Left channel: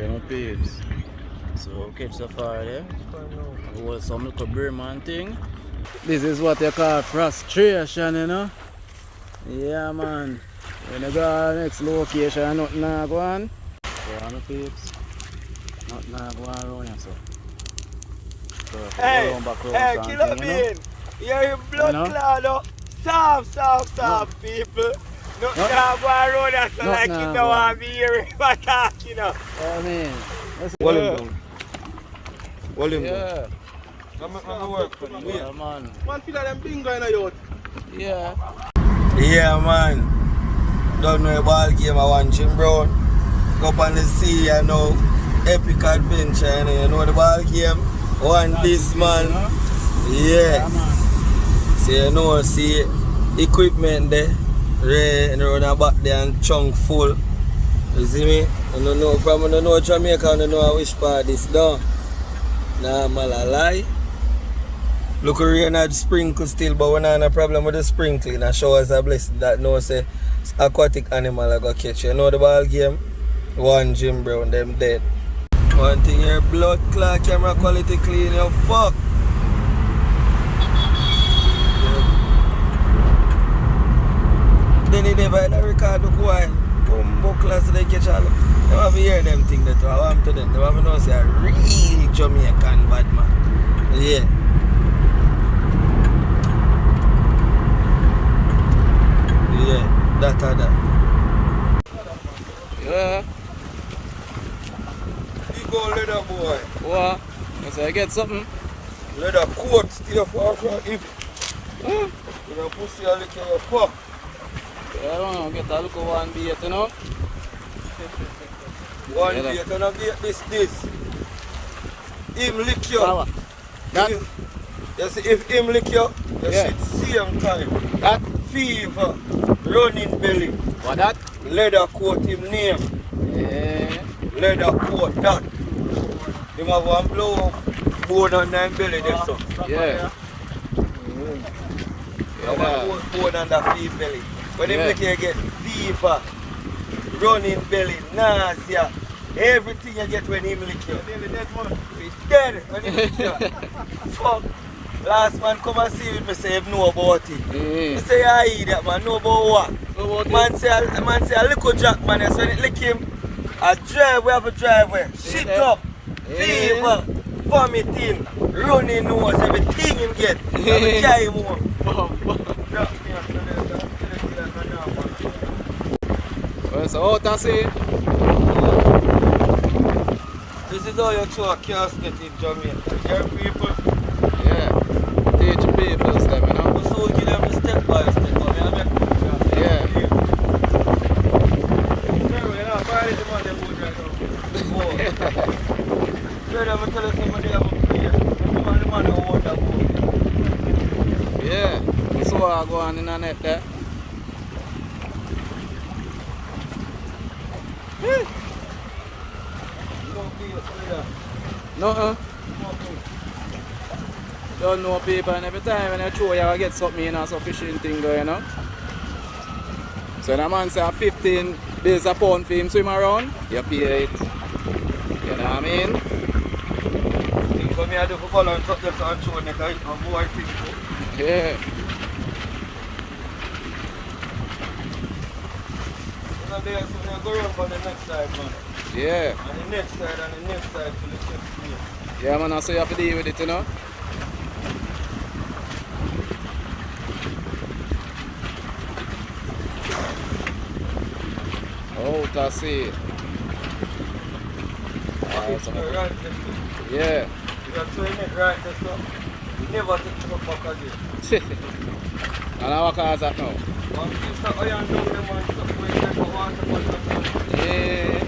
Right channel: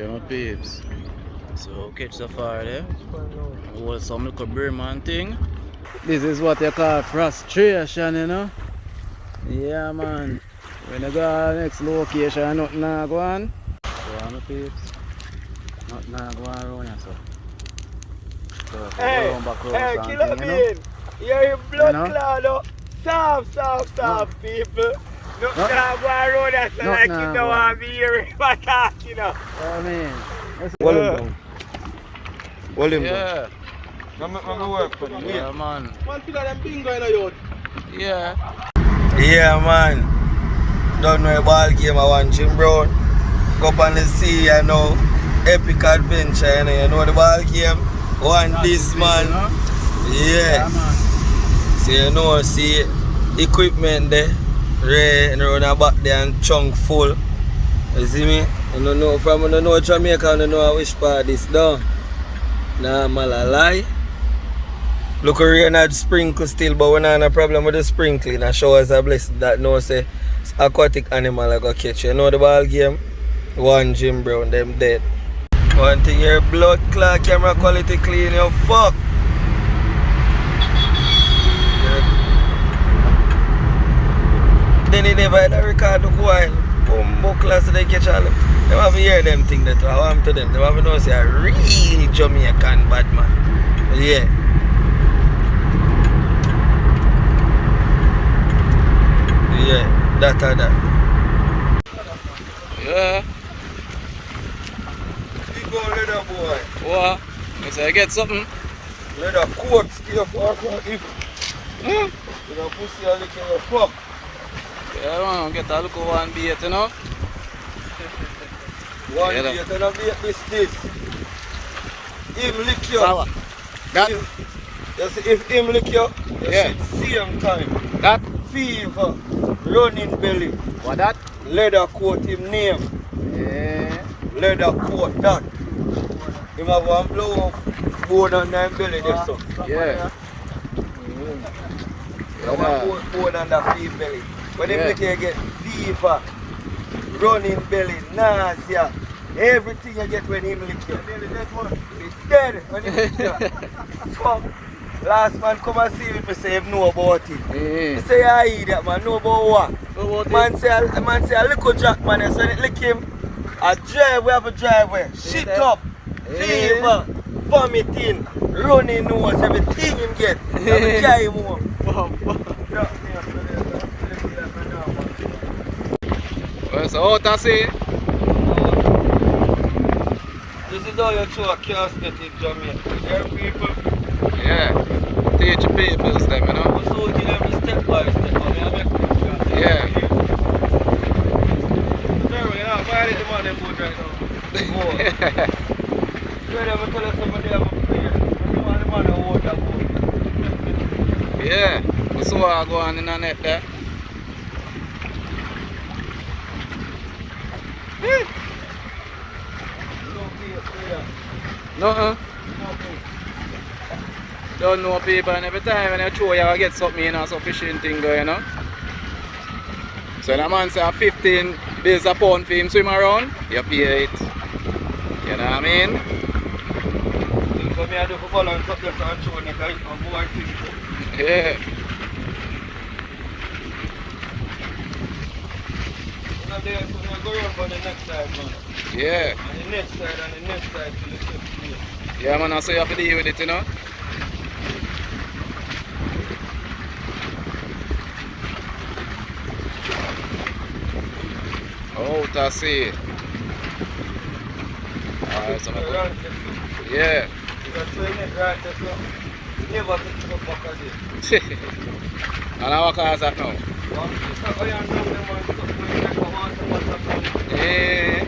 Yeah, my peeps. So catch the fire there. Hold some little Brim and thing. This is what you call frustration, you know? Yeah, man. When you go to the next location, nothing not go on. So, my peeps. Nothing not go on around here, so. So, if we go round back round something, you know? You're in blood cloud, no? Stop, people. Not go around that, so like you don't want me hearing my talk, you know. I mean, Hold him down. Hold him yeah. down. Yeah, man. Man, feel like them bingo in a yacht. Yeah. Yeah, man. Don't know a ball game I want Jim Brown. Go up on the sea, you know. Epic adventure, you know the ball game. One this man. Yeah. So you know, see equipment there. Ray and run back there and chunk full. You see me? I don't know from I don't know Jamaica, I don't know which part this down. Nah, man, I lie. Look, rain had sprinkle still, but we not have a problem with the sprinkling. I show us a blessing that no say aquatic animal I go catch. You know the ball game? One Jim Brown, them dead. One thing your blood clot camera quality clean, you fuck. Then he never had a record look while. Bumbo class they catch all them. They have to hear them thing that I want to them. They have to know say a real Jamaican bad man. Yeah. Yeah, that or that. Yeah. You go leather boy. What? You say I get something? Leather coat still for hip. You know pussy a lick your fuck. Yeah, man, get a look at one bait, you know? One bait and a bait this. Him lick you. Power. That? If him lick you, you should see him kind. That? Fever, running belly. What that? Leather coat him name. Yeah. Leather coat that. Him have one blow up bone on him belly there so. Yeah. One bone on the feet belly. When him lick you get fever, running belly, nausea, everything you get when him lick you. It's dead when him lick you. Fuck. Last man come and see me say him know about it. He say I idiot man, know about what? Man say a little jack man, so when it lick him, a drive, we have a driveway. Shit up, fever, vomiting, running nose, everything him get. I'm carry him home. Well, so what I say? This is how you throw a casket in Jamaica. There people. Yeah. Teach people them, you know? So give them step by step. Yeah. Yeah. That's what I go on in the net there. No, don't know people, and every time when you throw you get something, you know, some fishing thing going, you know. So the man say 15 days a pound for him swim around, you pay it. You know what I mean? Yeah. Go around for the next side, man. Yeah. And the next side and the next side till the next place. Yeah, man, so you have to deal with it, you know. Oh, that's it. Alright, so right, yeah. that's so in it right, that's so. Never take it up back again. And how cars that now? One piece of iron down them and stuff where you take a water bottle. Yeah.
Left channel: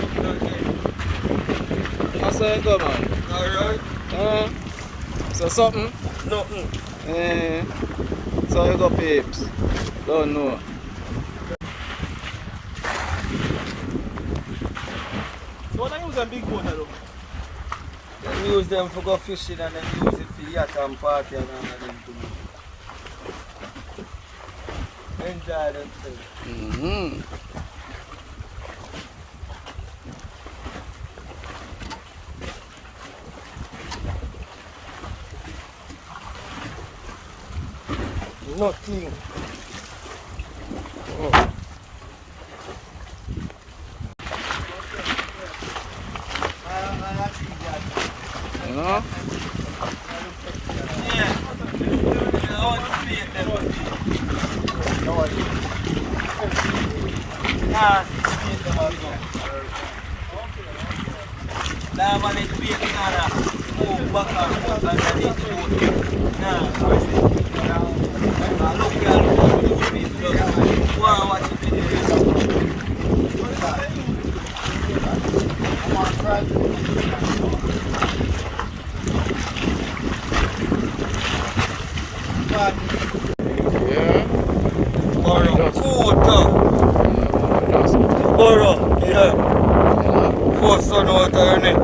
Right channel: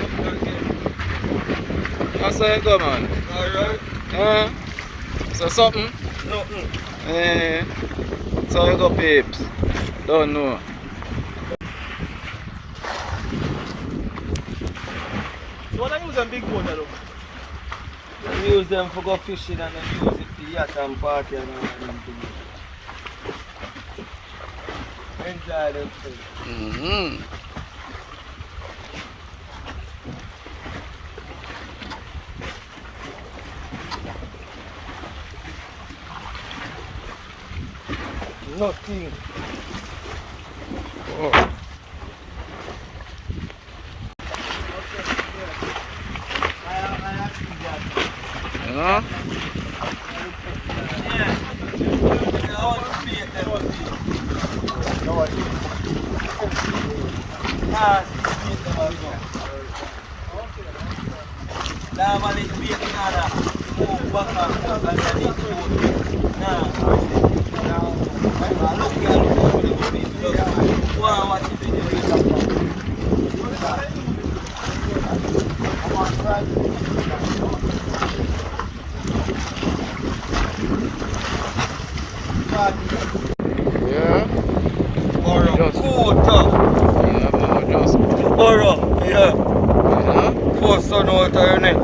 Up again. That's how it go, man. Alright. So something? Nothing. So you go, peeps. Don't know. What are you using big boat, though? We use them for go fishing and then use it for yacht and party and all that things. Enjoy themselves. nothing. Oh. You know? Yeah. Borrow. Yeah, man, just. Borrow. Yeah. Yeah. First son out of your net.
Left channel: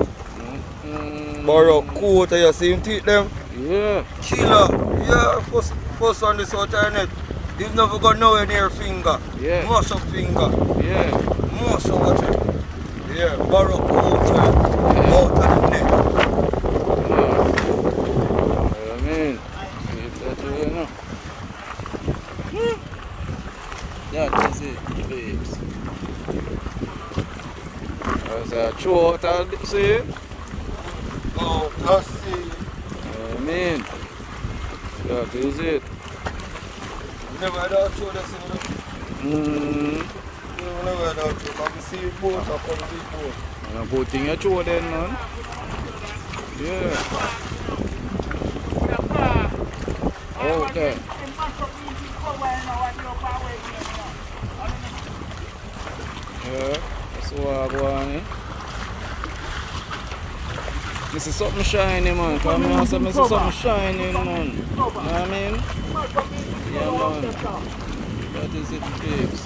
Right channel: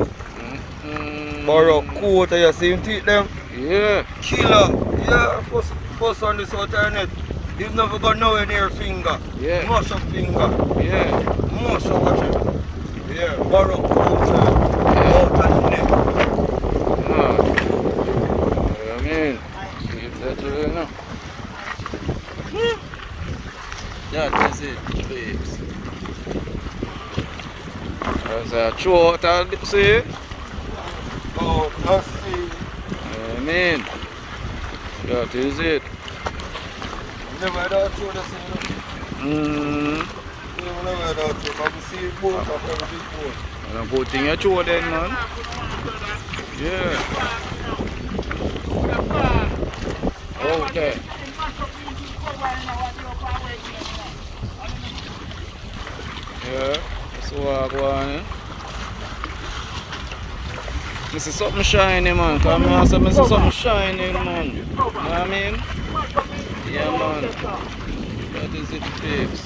Borrow. Quarter. You see him teeth them? Yeah. Killer. Yeah. First on this out of your net. He's never got nowhere near finger. Yeah. Most of finger. Yeah. Most of watch it. Yeah. Borrow. Quarter. Out of the net. I mean, if that's you know. That is it, babes. As a throat, I'll see. Oh, just see. I mean, that is it. Never had that through this, you know. Never had that through. I can see it both up on the big boat. And a good thing you throw then, man. Yeah. Out there. Yeah, that's what I go on. I see something shining, man. Come here, I see something shining, man. You know what I mean? Yeah, man. That is it, babes.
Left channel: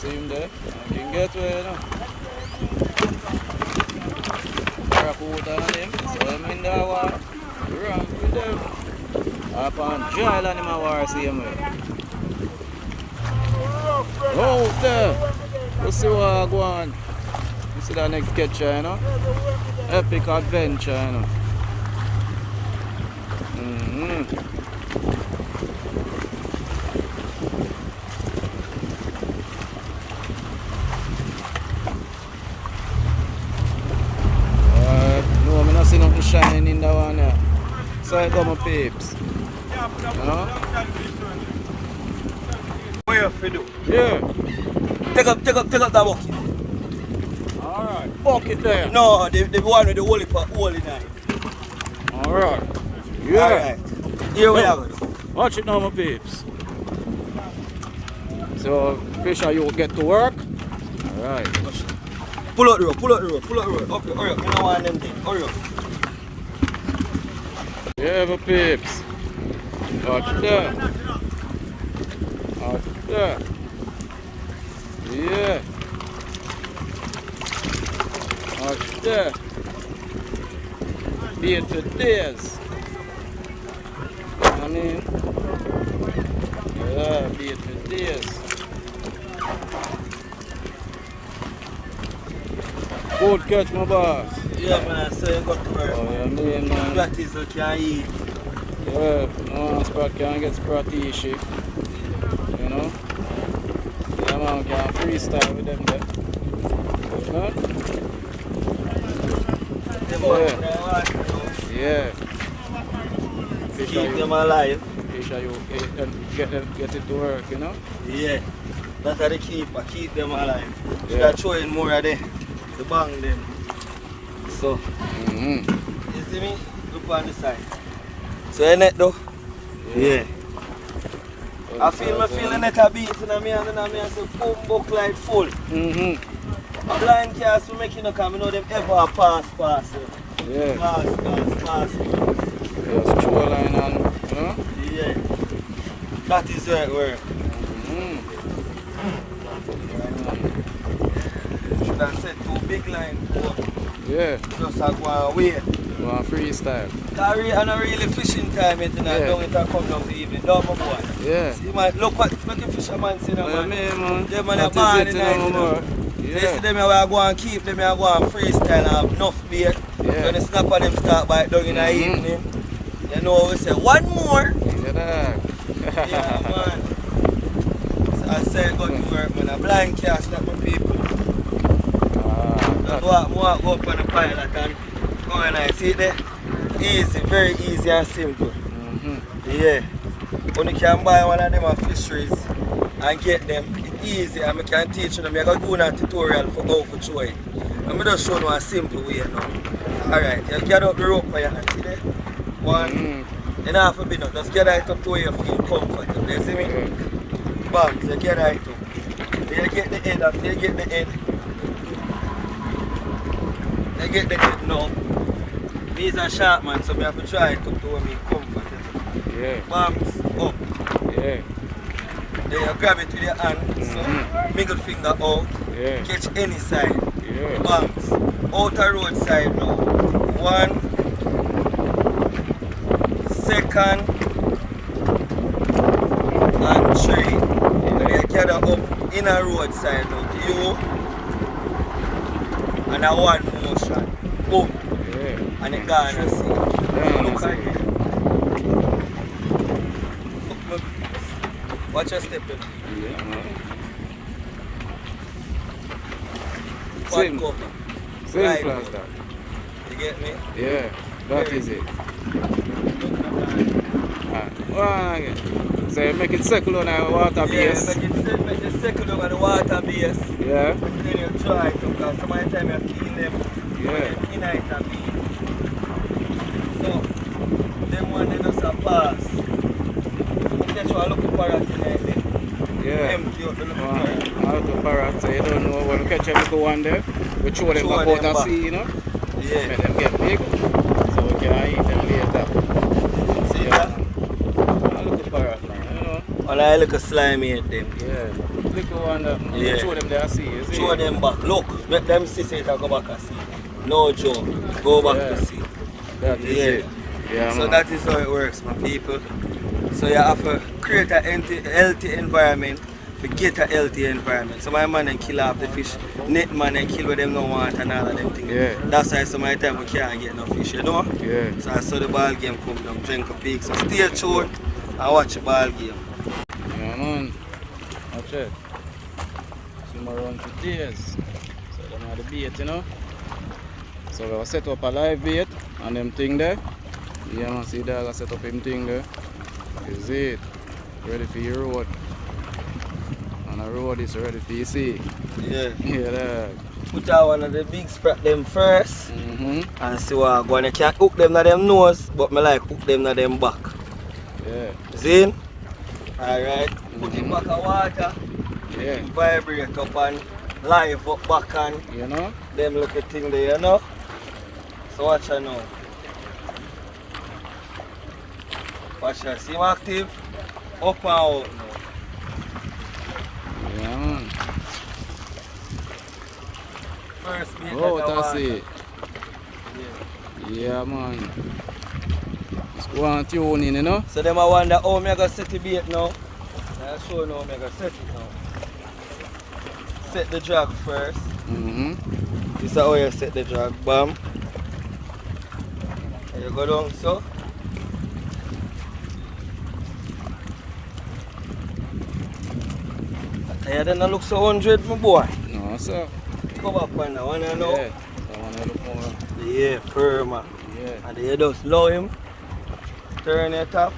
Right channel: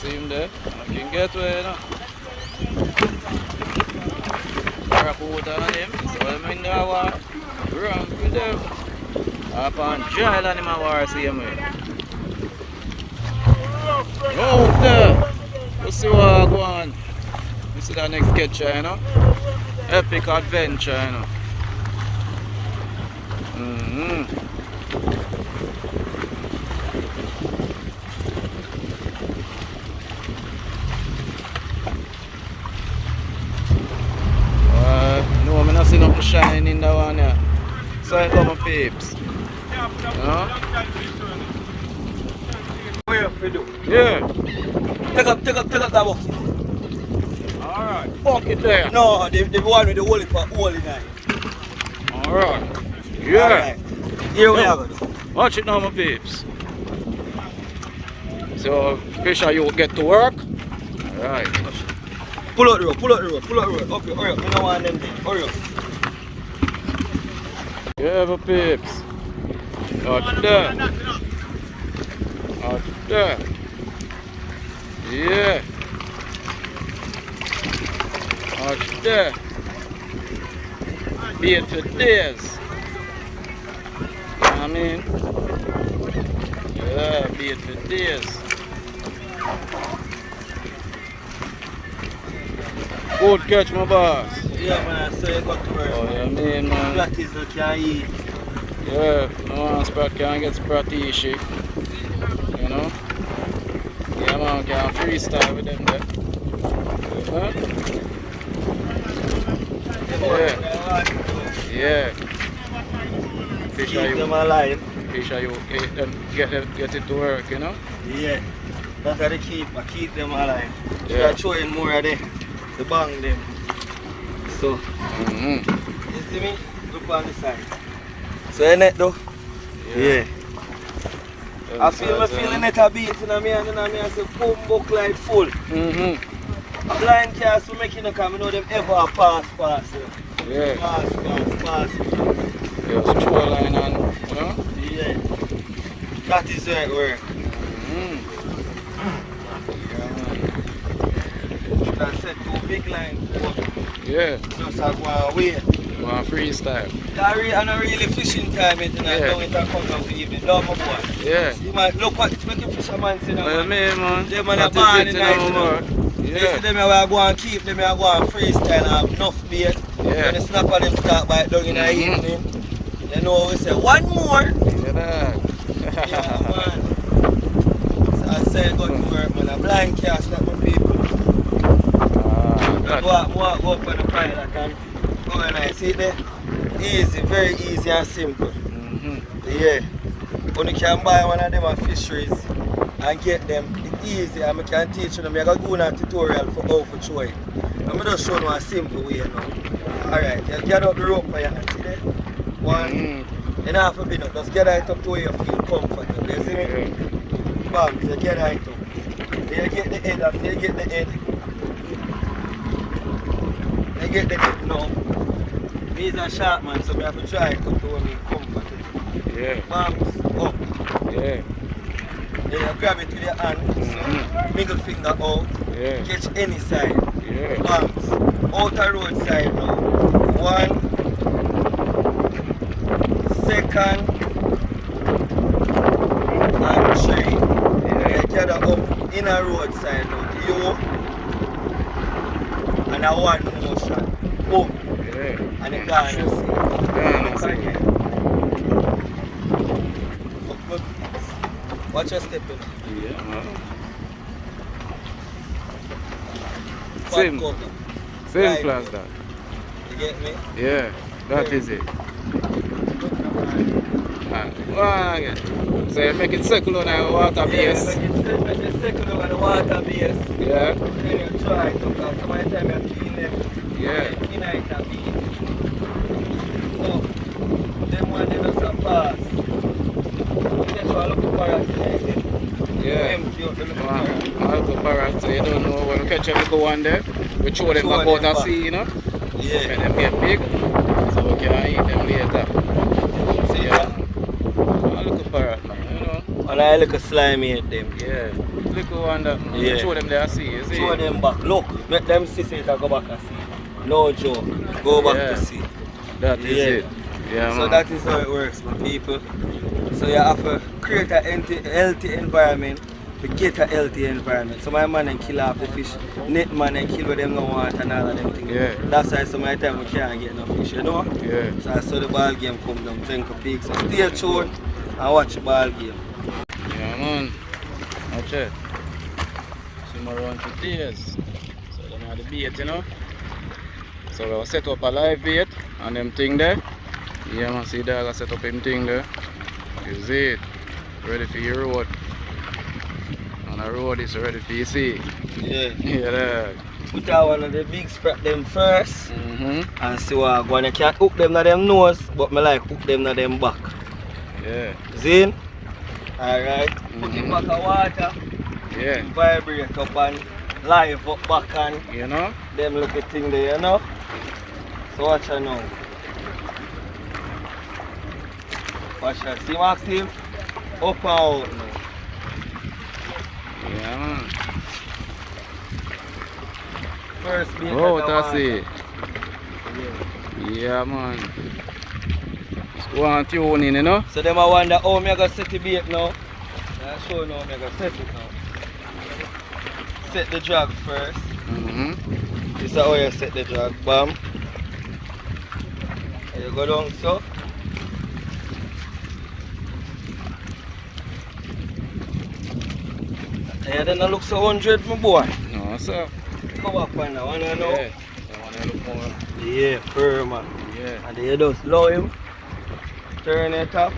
See him there? I can get where, you know. Barracuda on him. So I'm in the water. Run with them. Up on dry land in my water, see him here. Oh, there. Let's see what I go on. You see that next catcher, you know? Epic adventure, you know? No, I'm not seeing nothing shining in that one here. So I come, peeps. You know? What you fi do? Yeah. Take up that bucket. Alright. Bucket there. No, the one with the hole in it. Alright. Yeah. Alright. Here we have it. Watch it now, my peeps. So, fish and you get to work. Alright. Pull out the road. Okay, hurry up. You don't want them there. Hurry up. Yeah, my peeps. Watch that. Watch that. Yeah. Watch that. Bait for days. You know what I mean? Yeah, bait for days. Good catch, my boss. Yeah, man, so you got to work. Oh, yeah, mean, man. That is what you can eat. Yeah, no one sprat can get sprat-ishy. You know? Yeah, man, can freestyle with them there. Huh? Yeah. Yeah. Fish Keep them alive. Fish are you get it to work, you know? Yeah. That's how they keep them alive. Yeah. They're showing more of them. To bang them. So, you see me? Look on the side. So your net though? Yeah. I feel the net a beat in me and I say boom buck like full. A blind cast we make no come, you know them ever pass. Yeah. Pass. Just throw a line on, you know? Yeah. That is how it works. Should I set two big lines? Yeah. Just like one way. One freestyle. I'm not really fishing time yet tonight. Don't it come down to evening. No, my boy. Yeah. You might look what the fisherman see now. Oh, yeah, man. Them man That are is it, night, you know? You Yeah. see them I go and keep them, I go and freestyle and have enough bait. Yeah. When the snapper them start by down in the evening. You know what we say? One more. Yeah, Yeah, man. So I say go to work, man. A blind cast like my people. Go up on the pilot and go and I see there. Easy, very easy and simple. Yeah. When you can buy one of them at fisheries and get them, it's easy and I can teach them. I can do a tutorial for how to show it. I'm just show you a simple way now. Alright, you get up the rope for your hand, see there? One. You don't have to be no, just get it up to where you feel comfortable. You see me? Bam, so get it up. Then you get the head up, then you get the head. Then you get the head now. These are sharp, man, so I have to try it up to where I'm comfortable. Yeah. Bam, up. Yeah. Then you grab it with your hand, so middle finger out. Yeah. Catch any side. Yeah. Bam, outer road side now. One. Second and three. Yeah. You gather up inner road side now to you and a one motion. Boom. Yeah. And you gonna see. Look again. Watch your step in. Yeah, man. Simple as that. You get me? Yeah, that is it. Again. So you make it circle on the water base. Yeah, make it circle on the water base. Yeah. Then you try it because sometimes you feel them. Yeah. In it a bit. So, them one they just a pass. So you get a look parrot like this. Yeah. Empty out the little parrot. I have the parrot, so you don't know when we catch a little one there. We throw them back out and see, you know. Yeah. Make them get big, so we can eat them later. See that? A little parrot, man, you know. And I look a slimy at them. Yeah. Little one that, Yeah. show them there, see, you see. Show them back. Look, make them see so you can go back and see. No joke. Go back to see. That is it. Yeah, So man. that is how it works, my people. So you have to create a healthy environment to get a healthy environment. So my man and kill off the fish, net man and kill what them don't want and all of them things. Yeah. That's why some of the time we can't get no fish, you know? Yeah. So I saw the ball game come down, drink a peak. So stay tuned and watch the ball game. Yeah, man. Watch it. Swim around for days. So them are the bait, you know. So we will set up a live bait and them thing there. Yeah, man, see dog, I set up him thing there. Is it ready for your road? On the road is ready for you see. Yeah. Yeah, dog. Put out one of the big sprat them first and see what I go on. You can't hook them to them nose, but I like hook them to them back. Yeah. See? Alright. Put it back of water. Yeah. Vibrate up and live up back and You know? them little thing there, you know? So watch her now. Watch her. See him active? Up and out now. Yeah, man. First beat. Oh, that's it. Yeah, man. Just go and tune in, you know? So them I wonder how me gonna set the bait now. I'll show you how me gonna set it now. Set the drag first. This is how you set the drag. Bam. There you go down so. And then I look so 100 my boy. No, sir. Go back on that one, you know? Yeah. I want to look more. Yeah, firm. Yeah. And then you just low him. Turn it up.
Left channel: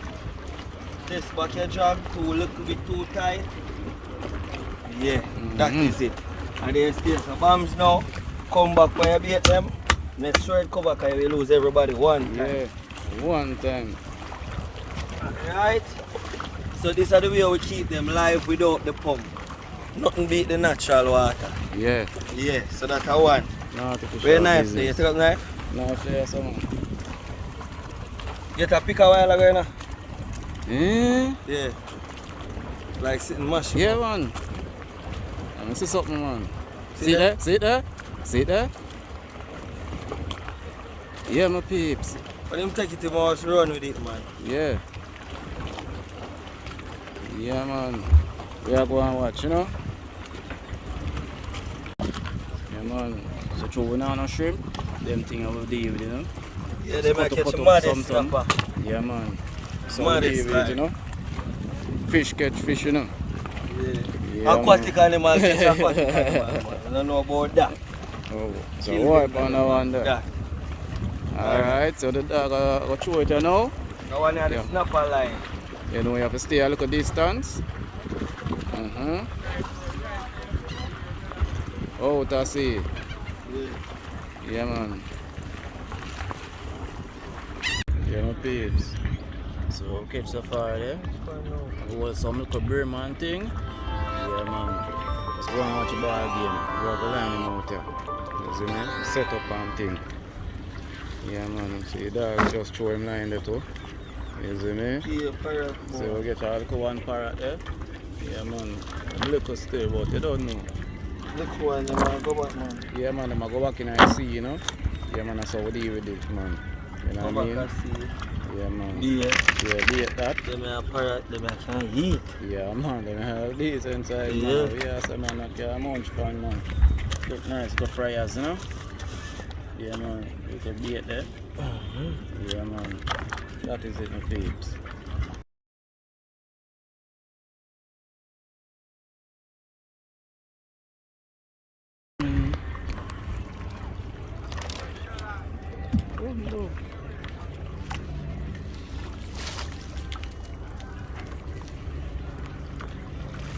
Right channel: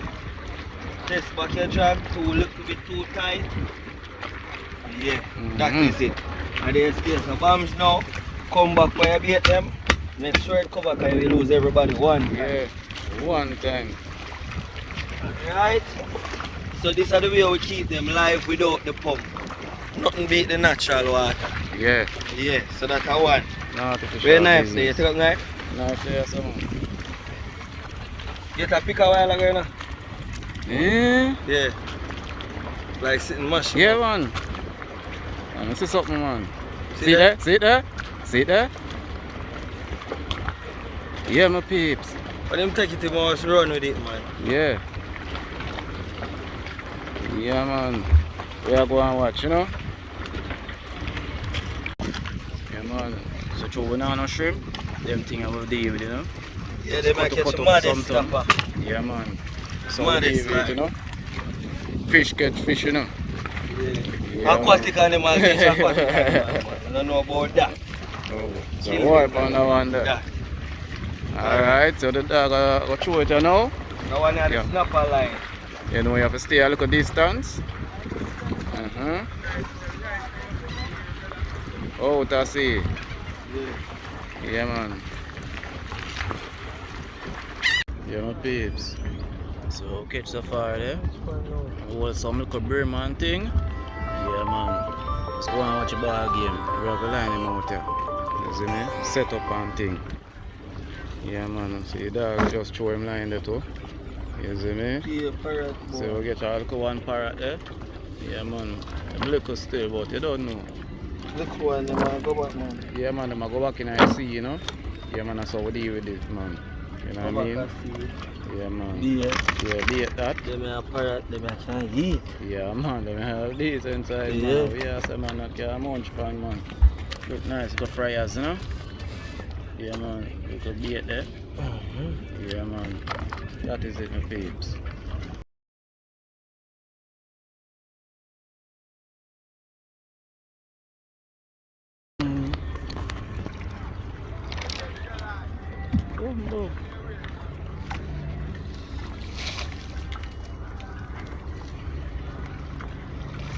Test back your drag to a little bit too tight. Yeah, that is it. And then you stay some bombs now. Come back when you beat them. Make sure it cover because you will lose everybody one time. Yeah. One time. Right? So this is the way we keep them live without the pump. Nothing beat the natural water. Yeah. Yeah, so that's a one. No artificial. Very nice there. You take up knife? No, say some. Get a pick a while ago now. Yeah. Yeah. Like sitting mush. Yeah, man. Let me see something, man. See See that? there? See there? See there? Yeah, my peeps. But him take it, he must run with it, man. Yeah. Yeah, man. We are going to watch, you know? Yeah, man. So, true, we now no shrimp. Them thing I will deal with, you know? Yeah, they Cut might up, catch cut a up mad something. snapper. Yeah, man. So Man, it's David, like- you know. Fish catch fish, you know. Yeah. Yeah, Aquatic animal catch aquatic animal, man. I don't know about that. Oh, so Children, wipe man. on that one there. Yeah. Alright, so the dog go throw it you now. That one had Yeah. the snapper line. You know you have to stay a little distance. Oh, to see. Yeah. Yeah, man. Yeah, my peeps. So catch so far there. Hold some little Brim and thing. Yeah, man. Let's go and watch a ball game. We have a line him out here. You see me? Set up and thing. Yeah, man. See the dog just throw him line there too. You see me? Yeah, parrot. So we get a little one parrot there. Yeah, man. A little still, but you don't know. Look one, the man go back, man. Yeah, man. Them a go back in the sea, you know. Yeah, man. That's how we deal with it, man. You know what I mean? Yeah, man. Yeah. Yeah, beat that. Them a parrot, them a can eat. Yeah, man, they have decent size, Yeah. man. Yeah, so man, I can munch pan, man. Look nice, go fryers, you know? Yeah, man, you could beat there. Yeah, man. That is it, my peeps.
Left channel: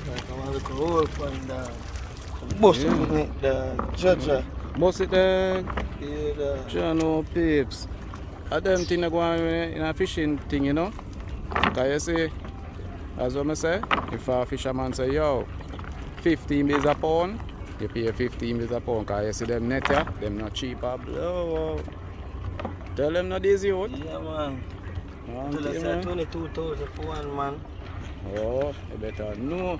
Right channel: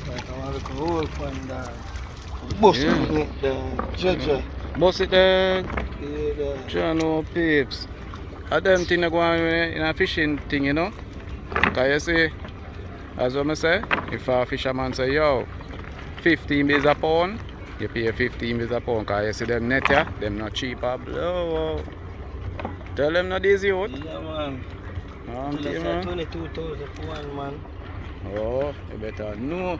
Like I want to hold one dog. Bust Yeah. it, dog. Judge. Bust it there, Yeah, dog. John, no peeps. A them thing that go on in a fishing thing, you know? Because you see, as what I say, if a fisherman say, yo, 15 base a pound, you pay 15 base a pound. Because you see them net, yeah, them not cheap a blow. Tell them not easy out. Yeah, man. Okay, Tell us man. 22,000 for one, man. Oh, you better know.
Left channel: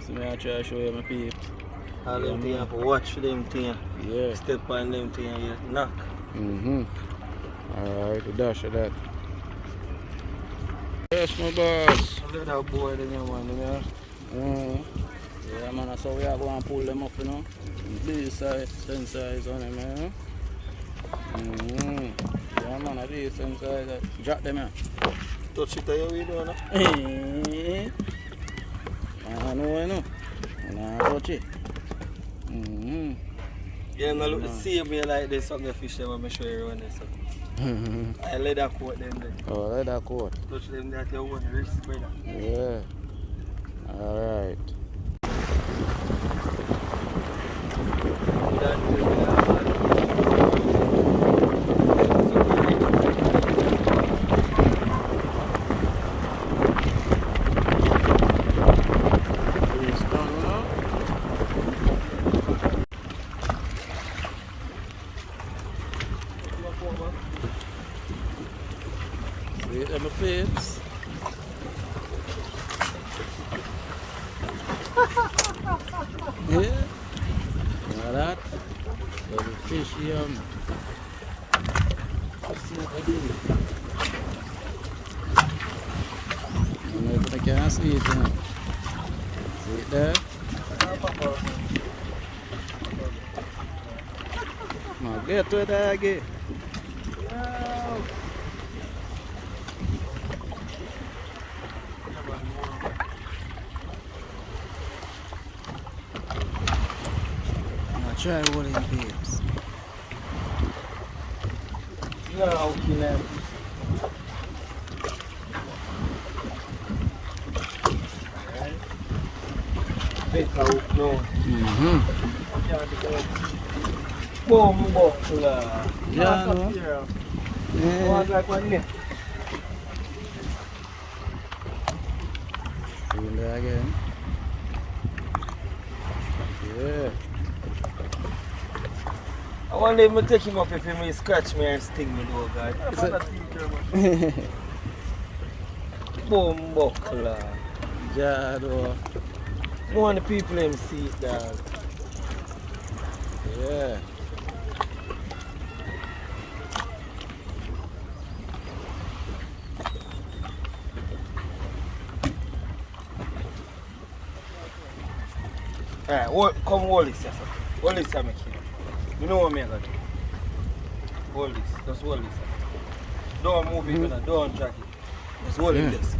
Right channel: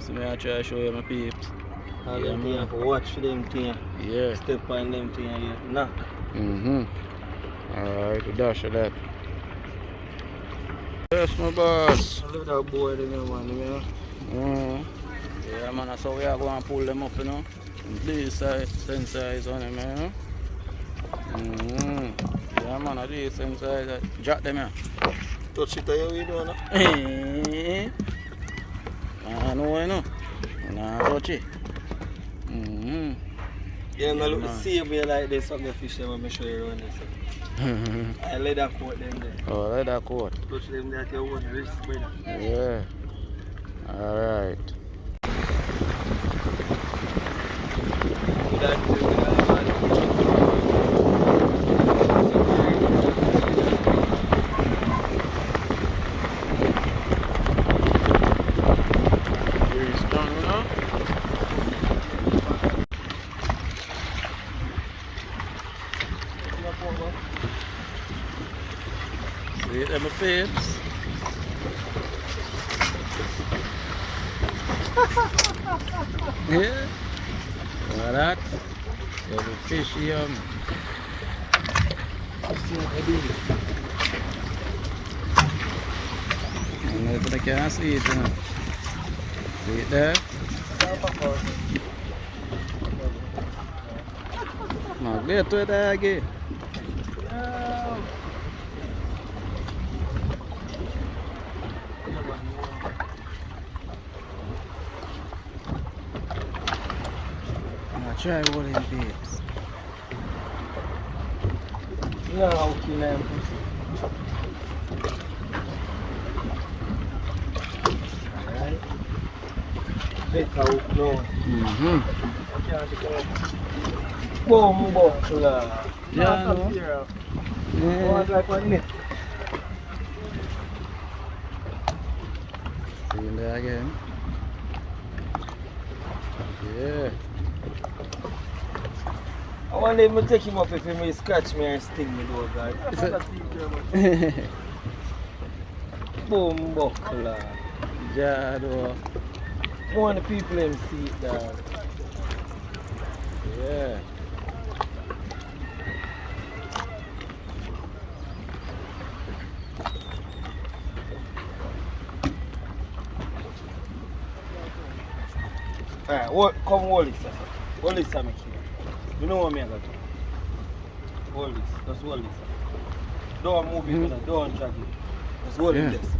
So me I try to show you my peeps. All Yeah, them thing man. you have to watch for them thing. Yeah. Step on them thing and you knock. Alright, we dash of that. Yes, my boss. Look that boy there, man. Yeah, man, that's how we are going to pull them up, you know. This size, same size on them, you know. Yeah, man, a decent size. Drop them here. Touch it, how you doing? I know, you know. Nah, touch it. Yeah, I'm Yeah, look man. to see me like this, some of the fish them, I'm show you around this. I let that coat them there. Oh, let that coat. Touch them there at your own wrist, brother. Yeah. Alright. See them peeps. Yeah. Look at that. There's a fish here. I don't know if I can see it. You know. See it there? Magnet to it again. Try one of them babes. No, okay, now, pussy. Alright. Better hook now. Boom, buckler. Yeah, no. Yeah. Want like one net. See him there again. Yeah. I wonder if I take him up if he may scratch me and sting me though, God. Boom, buckler. Yeah, though. You want the people them see it, dog. Yeah. Alright, come hold this, sir. Hold this, sir, make sure. You know what me I got to do? Hold this. Just hold this, sir. Don't move it, don't track it. Just hold it this.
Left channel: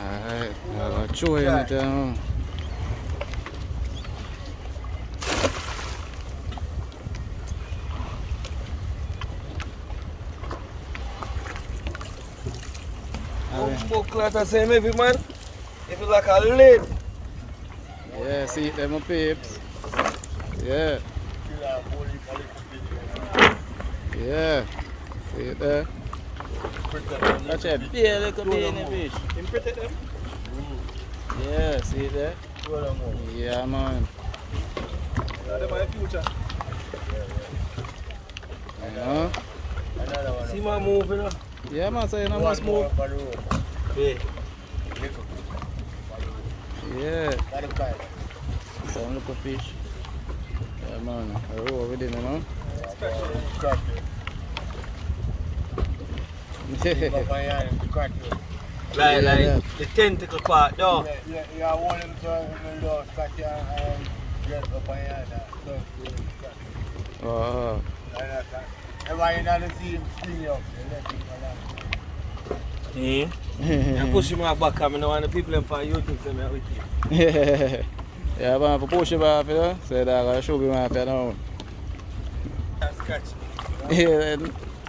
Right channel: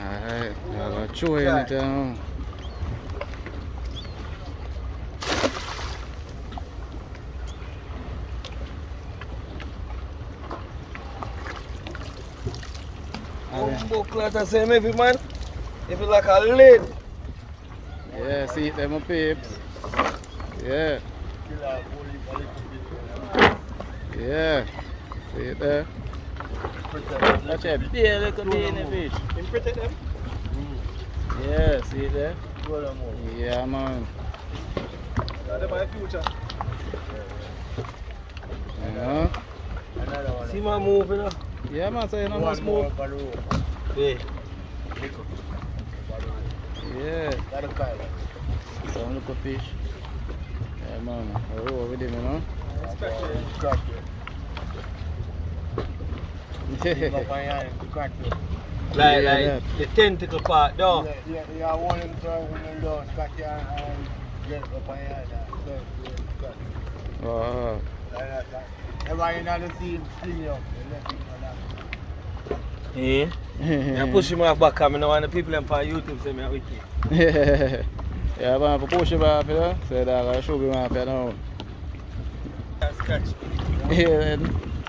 Alright, I'll show you it now. Buckle the same heavy, man. If it's like a lid. Yeah, see it there, my peeps. Yeah. Yeah. See it there. That's a big little beanie fish. Can you protect them? Yeah, see it there? Yeah, man. That's my future. You know? See my move, you know? Yeah, man, so you know must move. Yeah. Yeah. Some little fish. Yeah, man. I roll with him, you know? Like Yeah. the tentacle part, though. Yeah, one of them in the back here and get up on here. Oh. Everybody in the scene, clean up. Yeah. I push him off back, I don't want the people on YouTube say me are wicked. Yeah, man, for push him off, you know? So that I'll show him off, you know? Scratch me. Yeah,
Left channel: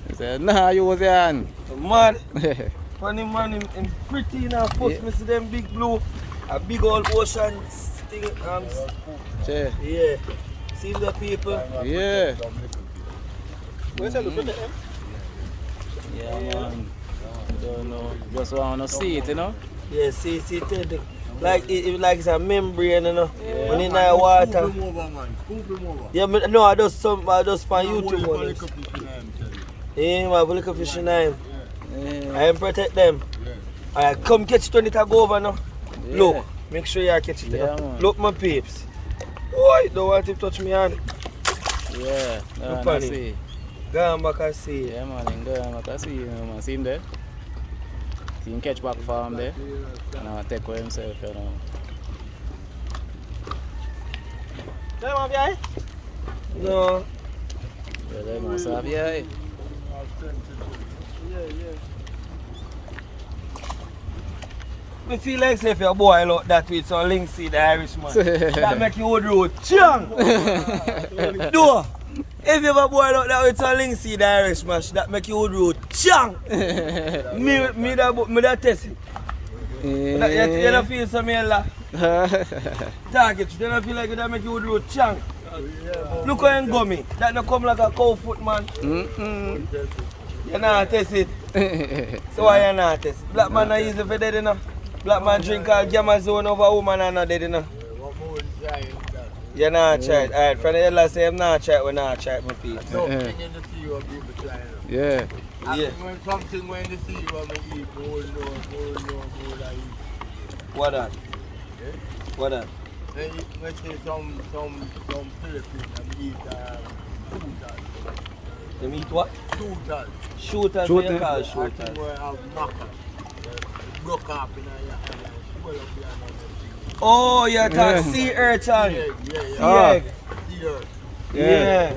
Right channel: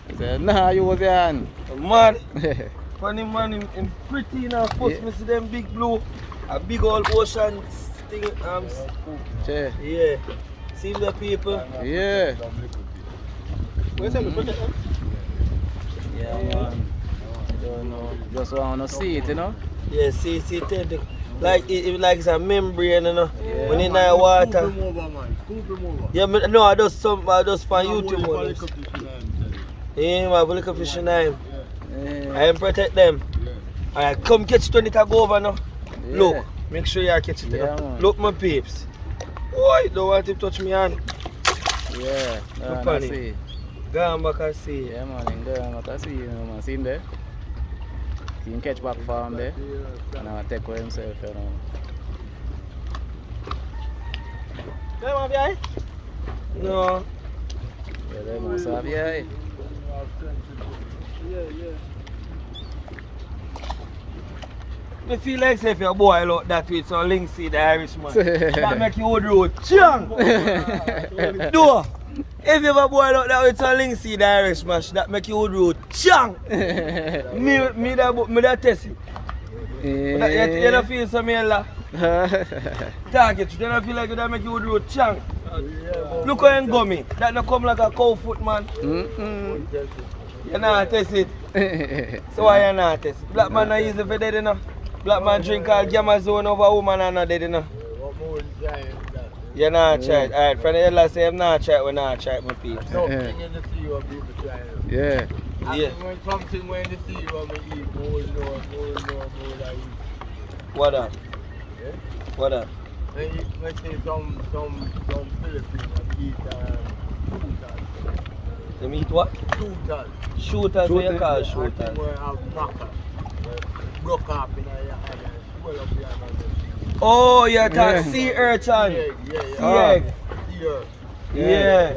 he said, nah, you was your hand. Man, funny man, him pretty now. First, me see them big blue, a big old ocean thing. Yeah. Yeah. See the people? Yeah. Where's that? Yeah, man. I don't know. Just want to see it, you know? Yeah, see, tentacle. Like it's a membrane, you know. Yeah. When in the water. Scoop him over, man. Scoop him over. Yeah, no, I just find YouTube on yeah, man, look at fish in them. Yeah. I protect them. Yeah. Alright, come catch it when it go over now. Yeah. Look, make sure you catch it. Yeah, you know. man. Look, my peeps. Boy, don't want him to touch me hand. Yeah, Look I at see. Go on back and see. Yeah, man, in there, I can see him, man. See him there? See him catch back for him there? And I'll take for himself, you know. Come on, guy. No. Yeah, they must have, yeah. I feel like if you boil out that with some linseed Irishman, that make you wood road chang. Do. If you ever boil out that with some linseed Irishman, that make you wood road chang. me that test it. You don't feel some yellow. Talk it. You don't feel like that make you wood road chang. Look how you gummy. That don't come like a cow foot, man. You not test it. So why you not test it? Black man not easy for dead, you know. Black man drink all Gamazone over woman and not dead, you know. You not try it. Alright, from the yellow say I'm not try it, we not try it, my people. Yeah. Yeah. When something when you see you want to eat, more. What that? Yeah? What that? When you say some Philippines that eat shooters. Them eat what? Shooters. Shooters, what you call shooters? I think we have maca. Broke up in a swell up here. Oh, you're talking sea urchin. Sea egg. Yeah.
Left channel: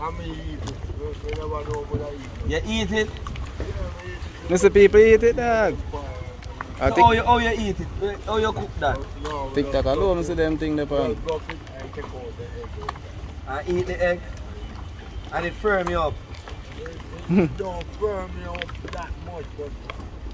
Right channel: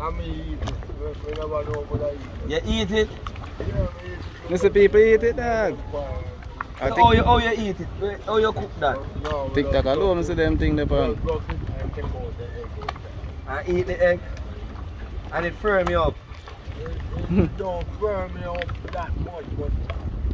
I mean, eat it. We never know what I eat. You eat it? Mr. People eat it, dog. I So think how you eat it? How you cook that? No, TikTok alone, I see them thing there, pan. go fit and take out the egg. I eat the egg and it firm you up. It don't burn me up that much, but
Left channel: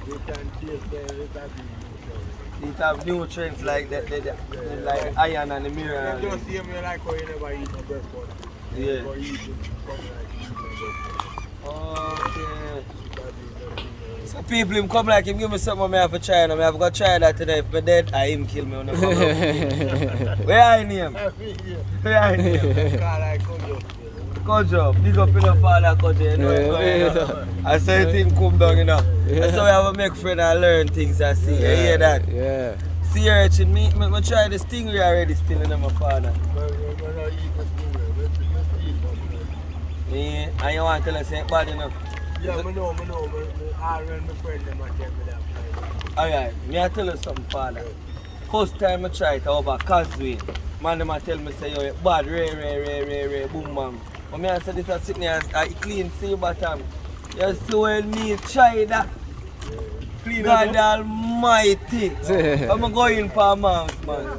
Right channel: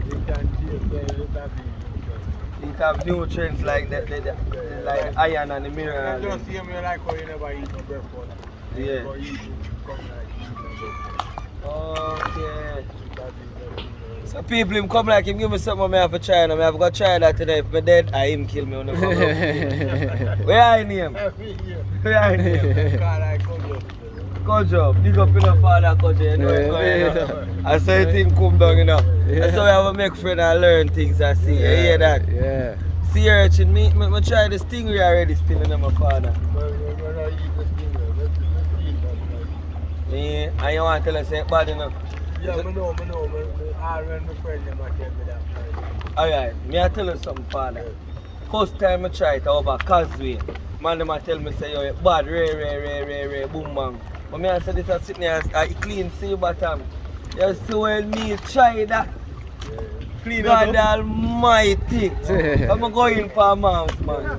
you can taste it has nutrients. It have nutrients like the iron and the mineral. It just seem like how you never eat no breakfast. Yeah. But you come like eating no breakfast. Okay. That is very So people him come like him give me something I have to try and I have to try that today. If I'm dead, I him kill me when I come up. Where I name? Where I name? Kojo, big up in the father Kojo, you know what's going on. I saw him come down, you know. That's how we have to make friends and learn things I see. You hear that? Yeah. Sea urchin, me try the stingray already spilling on my father. Yeah, and you want to tell us it's bad, you know? Yeah, I know. I run my friend and I tell me that. Alright, me I tell you something, father. First time I try it over Causeway, man them a tell me say yo it bad, rare, boom bang. But me I say this a sitting here, I clean sea bottom. You see when me try that? God Almighty. I'm going for a month, man.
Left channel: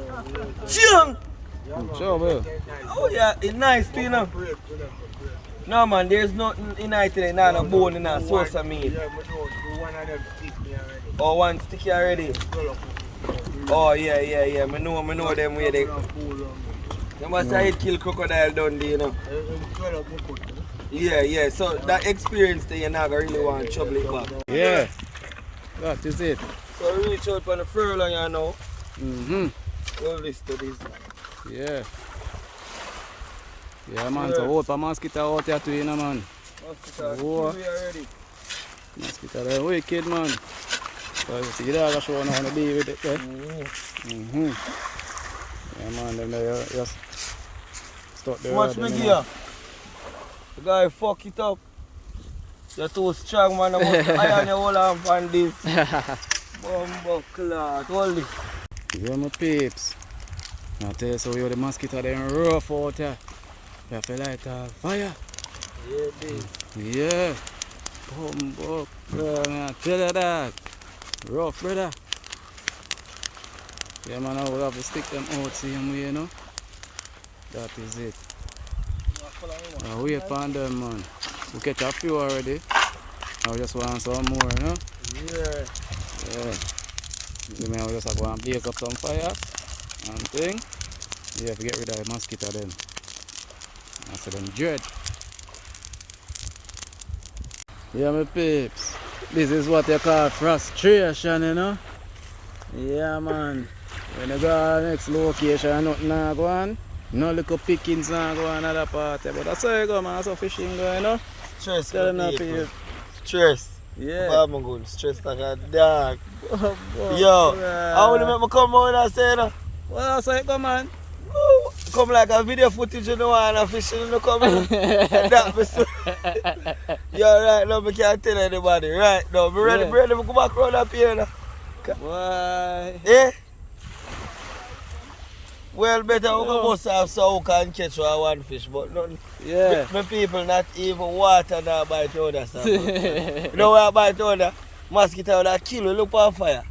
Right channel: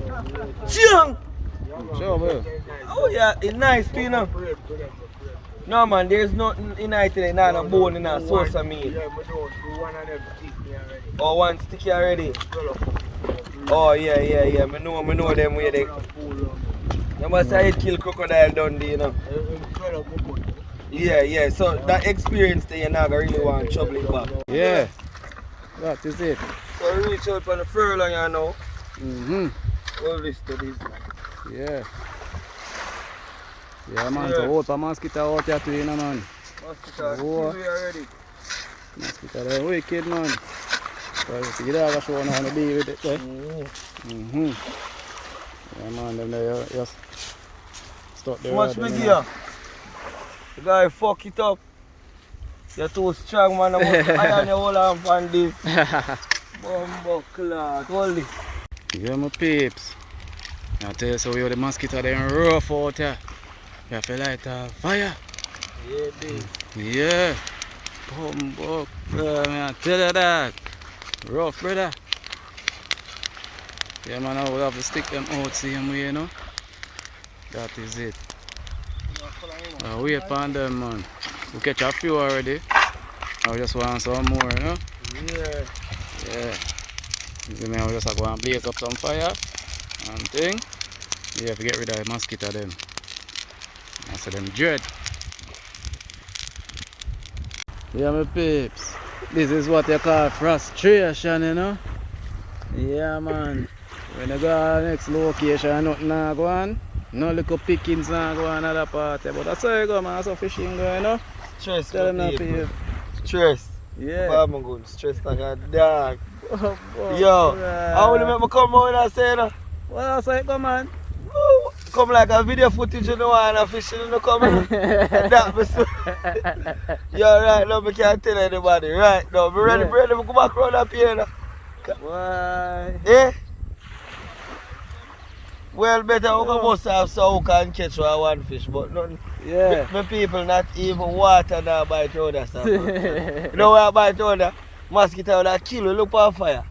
Chung! Sure, bro. Oh yeah, it's nice too, you know. No man, there's nothing in it today, not a bone in a sauce of meat. Oh, one sticky already. Oh yeah, I know them way they. You must say it kill crocodile down there, you know. Yeah, so that experience there, you're not gonna really want to trouble it back. Yeah, that is it. So reach out on the furlong, you know. Mm-hmm. All this to this. Yeah. Yeah, man, so hope a mosquito out here too, you know, man. Mosquito, Oh. already. Mosquito, they're wicked, man. So you dog show how to deal with it, eh? Yeah, man, them there just stuck there. Watch me gear. The guy fuck it up. You're too strong, man. I must iron your whole arm on this. Bumbo clot. Hold it. Yeah, my peeps. I tell you, so you're the mosquito, they're rough out here. You have to light a fire. Yeah, dude. Yeah. Bumbo clot, man. I tell you that. Rough, brother. Yeah, man, I will have to stick them out same way, you know. That is it. I wait upon them, man. We catch a few already. I just want some more, you know. Yeah. Yeah. Then I just go and blaze up some fire and thing. Yeah, if you get rid of the mosquito then. I say them dread. Yeah, my peeps. This is what you call frustration, you know. Yeah, man. When you go to the next location, nothing not go on. No little pickings not go on at that party. But that's how you go, man. That's how fishing go, you know. Stress, Tell them my not to people. give. Stress. Yeah. I'm good. Stress like a dog. Oh, boy. Yo, Yeah. I want to make me come out and say that. Well, that's how it go, man. Woo. Come like a video footage, you know, and a fishing, you know, coming. That me so. Yo, right now, I can't tell anybody. Right now, I'm ready, ready to go back around up here now. Why? Eh? Well, better we go bust off so we can catch one fish, but nothing. Yeah. My people not even water now by other stuff. You know where by other? Mosquito that kill, look on fire.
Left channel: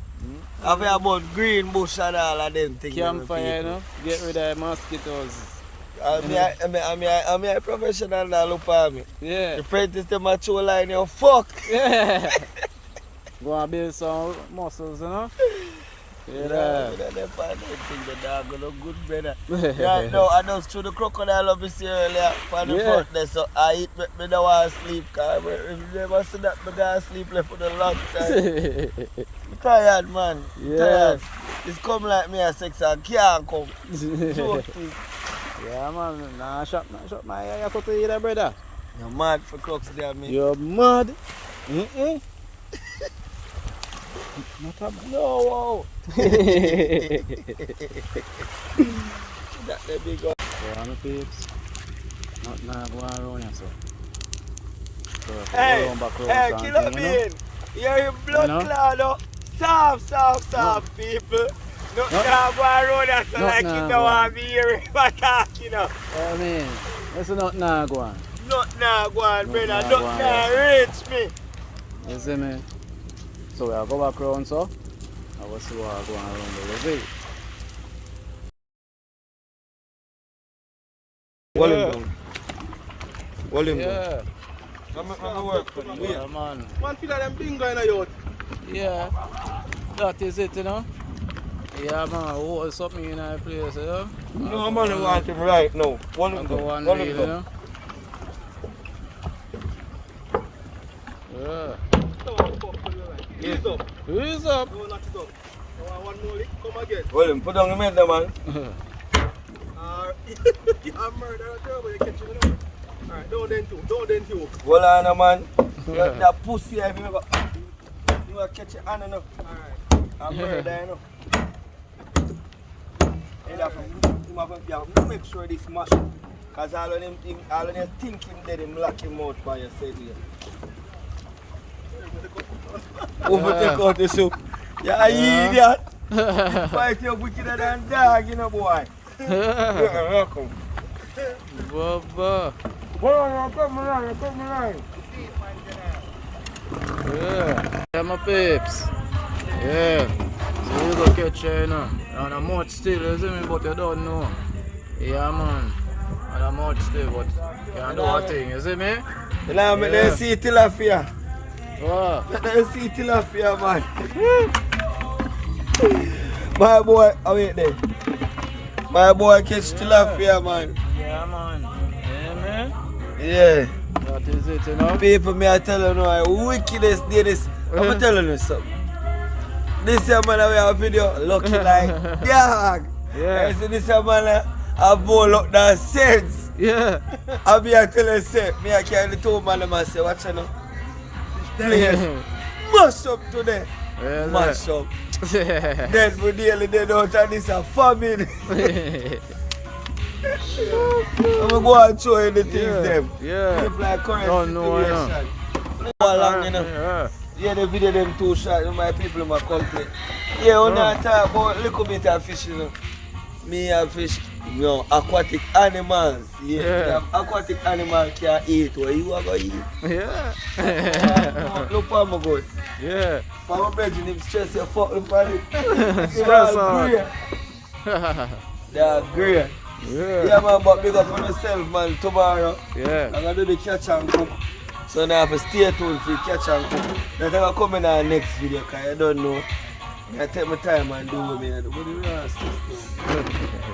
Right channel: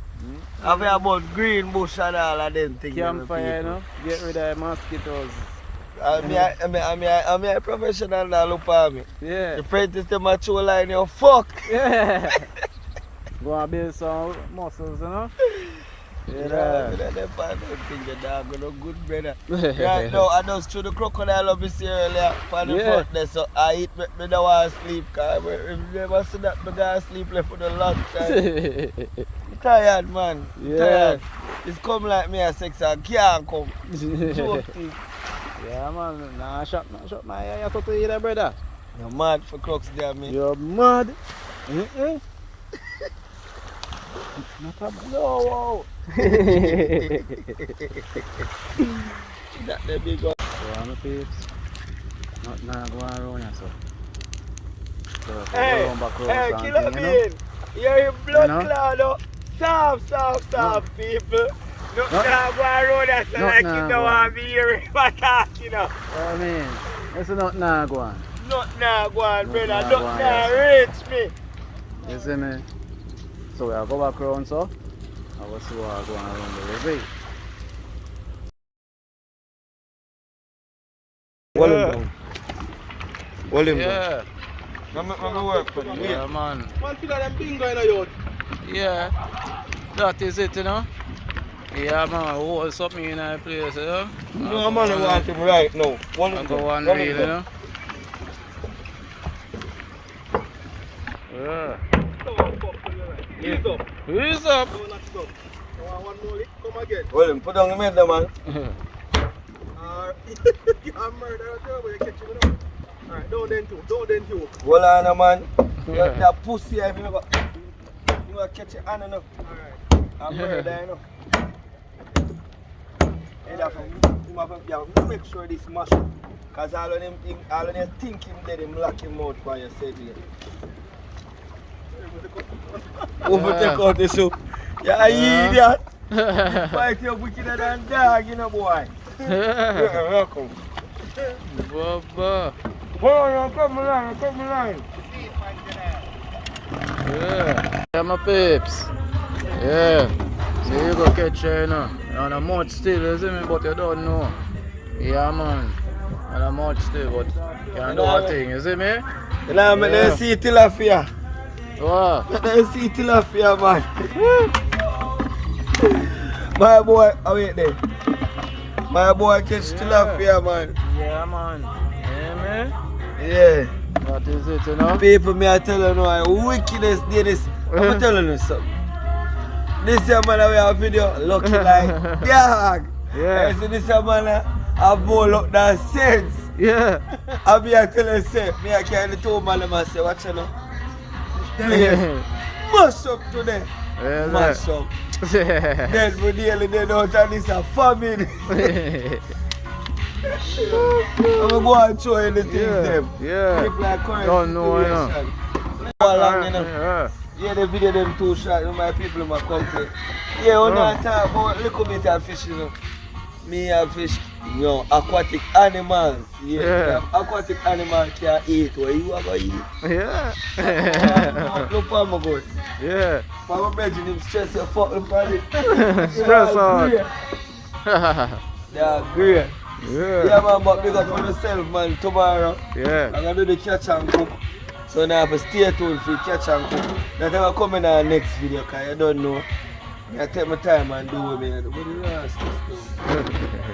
I've heard about green bush and all of them things. Campfire, you know, get rid of the mosquitoes. I'm a professional now, look on me. Yeah. The apprentice them a show line, you fuck. Yeah. Go and build some muscles, you know. Yeah. The dog go good, brother. Right now, I just threw the crocodile up this earlier for the front there, so I eat, me don't want to sleep, because if you never see that, I got to sleep left for a long time. I'm tired, man. Yeah. Tired. It's come like me at 6 and can't come. Joke. Yeah, man. Nah, shut my eye for to eat, brother. You're mad for crocs there, man. You're mad. Not a blowout. That the big one. So I'm a peeps. Not now go around here, so. So Hey, go around back around hey, something, Killer you know. Bean. You're in blood You know? cloud, oh. Soft, people. Not No. now go around that, so Not like now you go don't on. want to be hearing my talk, you know. I mean, it's not now go on. Not now go on, Not brother. now Not go on, now yeah. reach me. You see me? So we'll go back around, so. I will see what I go around the river. Hold him down. Hold him down. Yeah. Let me work for you. Yeah, man. Man, feel like them bingo in a yacht. Yeah. That is it, you know. Yeah, man. Hold something in that place, you know. No, I'm gonna want him right now. Hold I him go down. one Hold reel, him you down. know. Yeah. Ease up. Who's up? No, not stop. You want one more lick? Come again. Hold him. Put down the head there, man. I'm murder a girl, but you catch him now. Alright, don't then two. Hold on, man. That pussy, if you gonna catch your hand enough. Alright. I'm murder, you know. And that's make sure this mash up. Because all of them think him dead, him lock him out by your side here. Overtake out the soup. Yeah, idiot. Fight you wickeder than dog, you know, boy. Welcome. Baba. Hold on, take me line. Yeah, my peeps. Yeah. So you go catch her, you know. And a mouth still, you see me, but you don't know. Yeah, man. And a mouth still, but you can do a thing, you see me? You know, man, they see tilapia. What? They see tilapia, man. My boy, oh wait there. My boy catch tilapia, man. Yeah, man. Yeah, man. Yeah. That is it, you know? People, me I tell you now, wickedest day this. I'm telling you something. This year, man, we have a video lucky like dog. Yeah. I see this year, man, I bowl up that sense. Yeah. I be I tell you, say, me I carry the two man, I say, watch you know. Mash up today. Yeah, Mash up. Then we daily dead out and this a famine. I'm gonna go and show you the things them. Yeah. People are current Don't know, you know. situation. Long, you know. Yeah, the video them too short, you know, my people might complain. Yeah, when I talk about a little bit of fish, you know. Me have fish, you know, aquatic animals. Yeah. Aquatic animals can eat what you are going to eat. Yeah. Look for my good. Yeah. For my bedroom, him stress your fucking body. Stress out. They are great. Yeah, man, but big up on yourself, man, tomorrow. Yeah. I'm going to do the catch and cook. So now I have to stay tuned for the catch and cook. That's how I come in our next video, because I don't know. I take my time and do what I do. What do you want to do?